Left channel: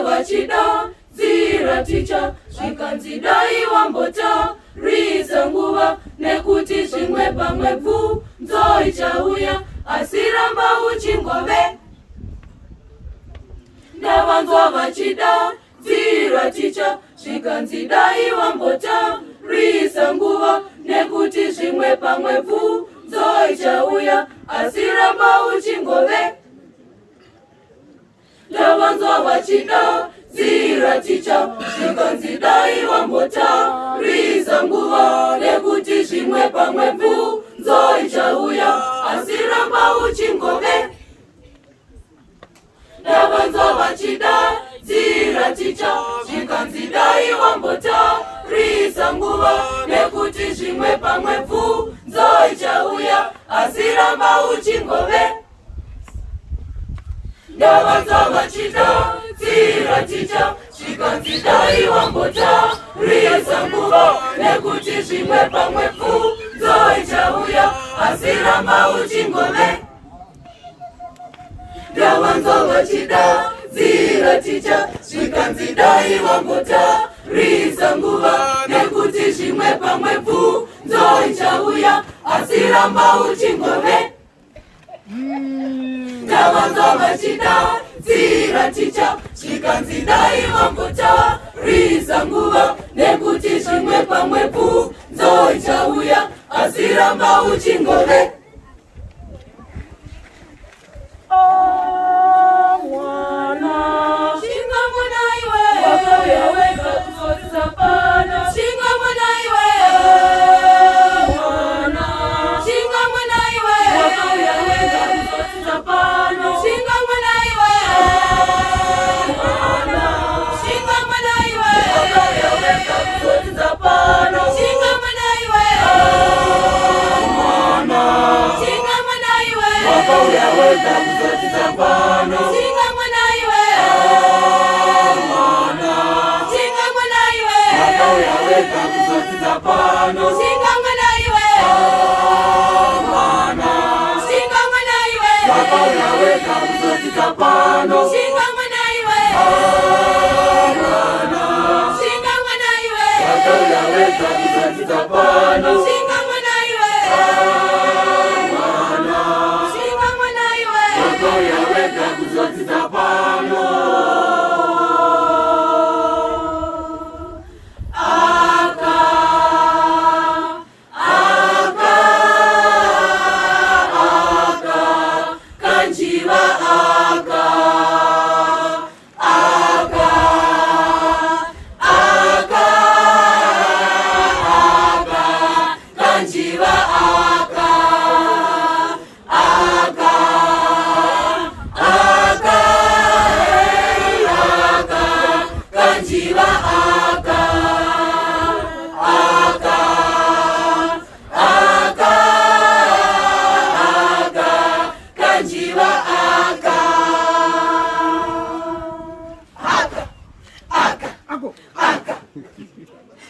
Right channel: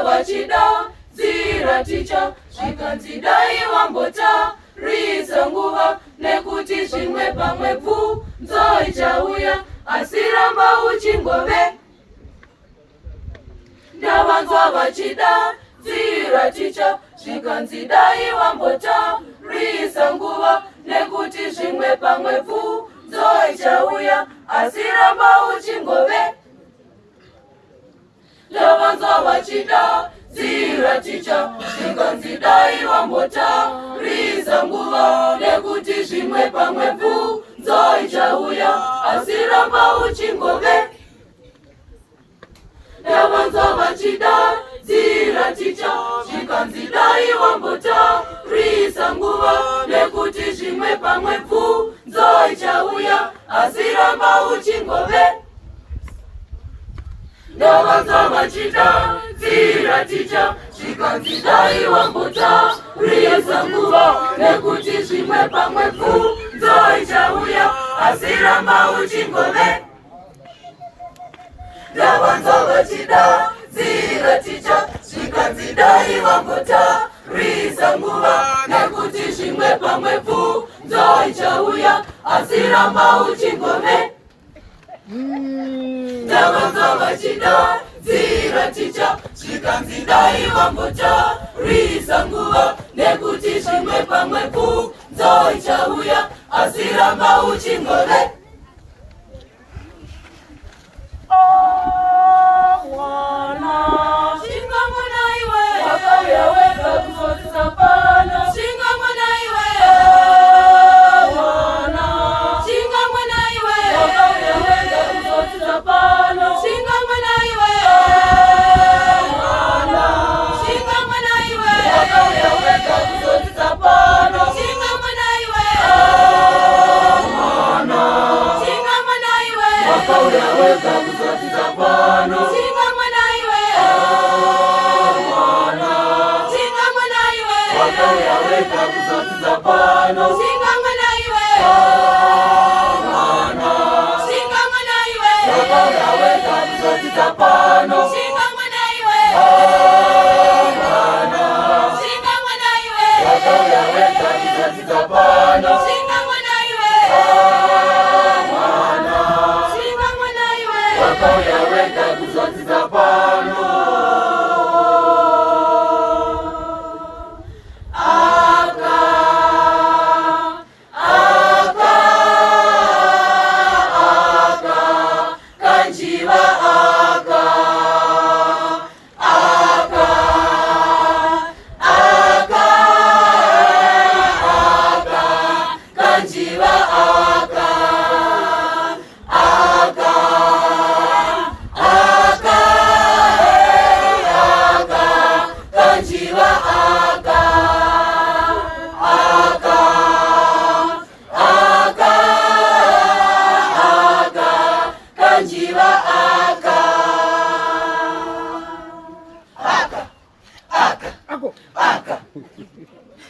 vachida zira ticha zvikanzidai wambota risa nguva nekuti zvimwe pamwe bvunzo ichauya asi ramba uchingove. Ndavanzwa vachida zira ticha zvikanzidai wambota risa nguva nekuti zvimwe pamwe bvunzo ichauya asi ramba uchingove. Ndavanzwa vachida zira ticha zvikanzidai wambota risa nguva nekuti zvimwe pamwe bvunzo ichauya asi ramba uchingove. Ndavanzwa vachida zira ticha zvikanzidai wambota risa nguva nekuti zvimwe pamwe bvunzo ichauya asi ramba uchingove. Ndavanzwa vachida zira ticha zvikanzidai wambota risa nguva nekuti zvimwe pamwe bvunzo ichauya asi ramba uchingove. Ndavanzwa vachida zira ticha zvikanzidai wambota risa nguva nekuti zvimwe pamwe bvunzo ichauya asi ramba uchingove. Ndavanzwa vachida zira ticha zvikanzidai wambota risa nguva nekuti zvimwe pamwe bvunzo ichauya asi ramba uchingove.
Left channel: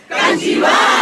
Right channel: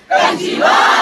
Kanjiwa